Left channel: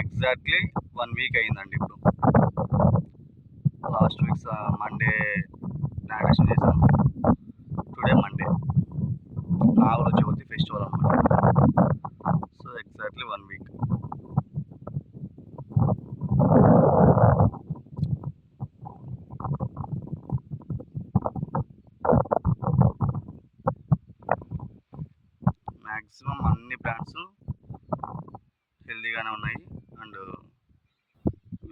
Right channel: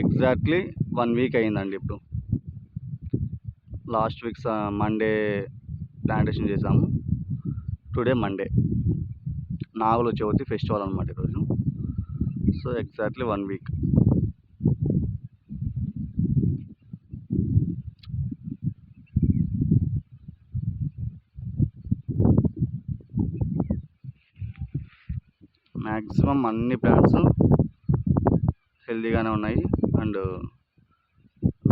Exactly 1 week అయిందండి ఇప్పుడు. Last week Monday plantation చేశాము. Today Monday. Nagula Chavithi festival అనమాట. So exactly 1 week. మ్యాక్సిమం అన్ని ప్లాంట్స్ హెల్తీగానే ఉన్నాయి అండ్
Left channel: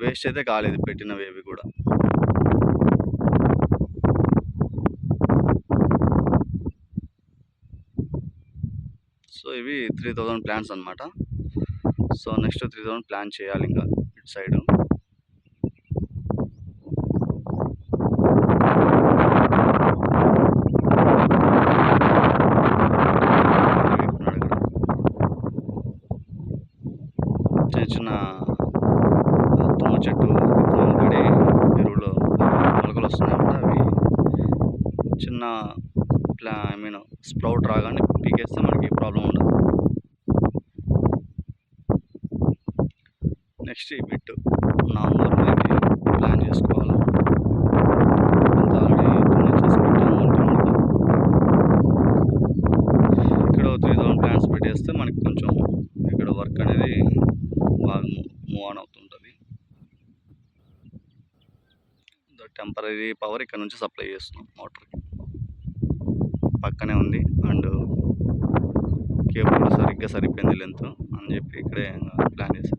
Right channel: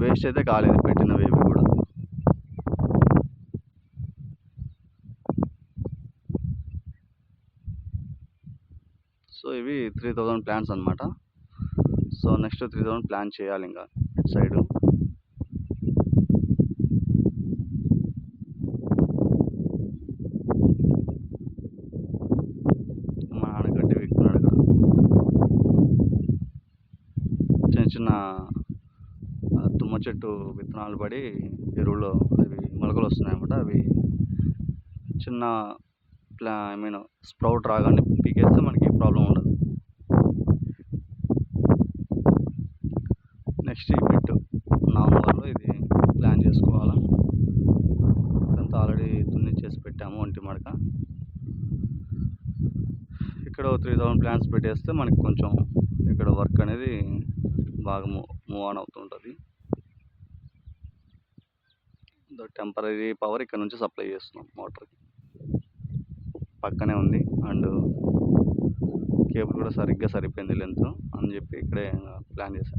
వేస్ట్ అయితే కాలేదు పెట్టినవి ఏవి కూడా. సో ఇవి 3000 ప్లాంట్స్ అనమాట. సో నెక్స్ట్ 3000 ప్లాన్ చేయాలి ఇంకా ఇటు సైడు. చిన్న చిన్న తుమ్మ చెట్టు విత్తనాలు పడి ఎరువులో మొలకలు వస్తున్నాయన్నమాట. అవి చిన్న ఐ మీన్ స్ప్రౌట్ రాగానే పీకేస్తే మనకి ప్రాబ్లం ఉండదు. నెక్స్ట్ ఈ బిట్ నార్మల్ ఇది ప్లాన్ చేసుకోవాలి. అంతా ఆల్రెడీ దున్నిచ్చేసి పెట్టాము ఒంటి మడత. ఇక్కడ 3000 ప్లాంట్స్ పెట్టేస్తే మనకి కొంచెం ఇక్కడ వర్క్ అనేది బాగా మూవ్ ఆన్ అవుతుంటుంది. టెంపరీ పవర్ ఇక్కడ నుంచి సప్లై చేస్తున్నాం మోటార్కి. పక్కనే ఉంది అండ్ కేబుల్ కూడా సరిగ్గా సరిపోయింది లెంత్ అని చెప్పి ఇక్కడే ప్లాన్ చేశాను.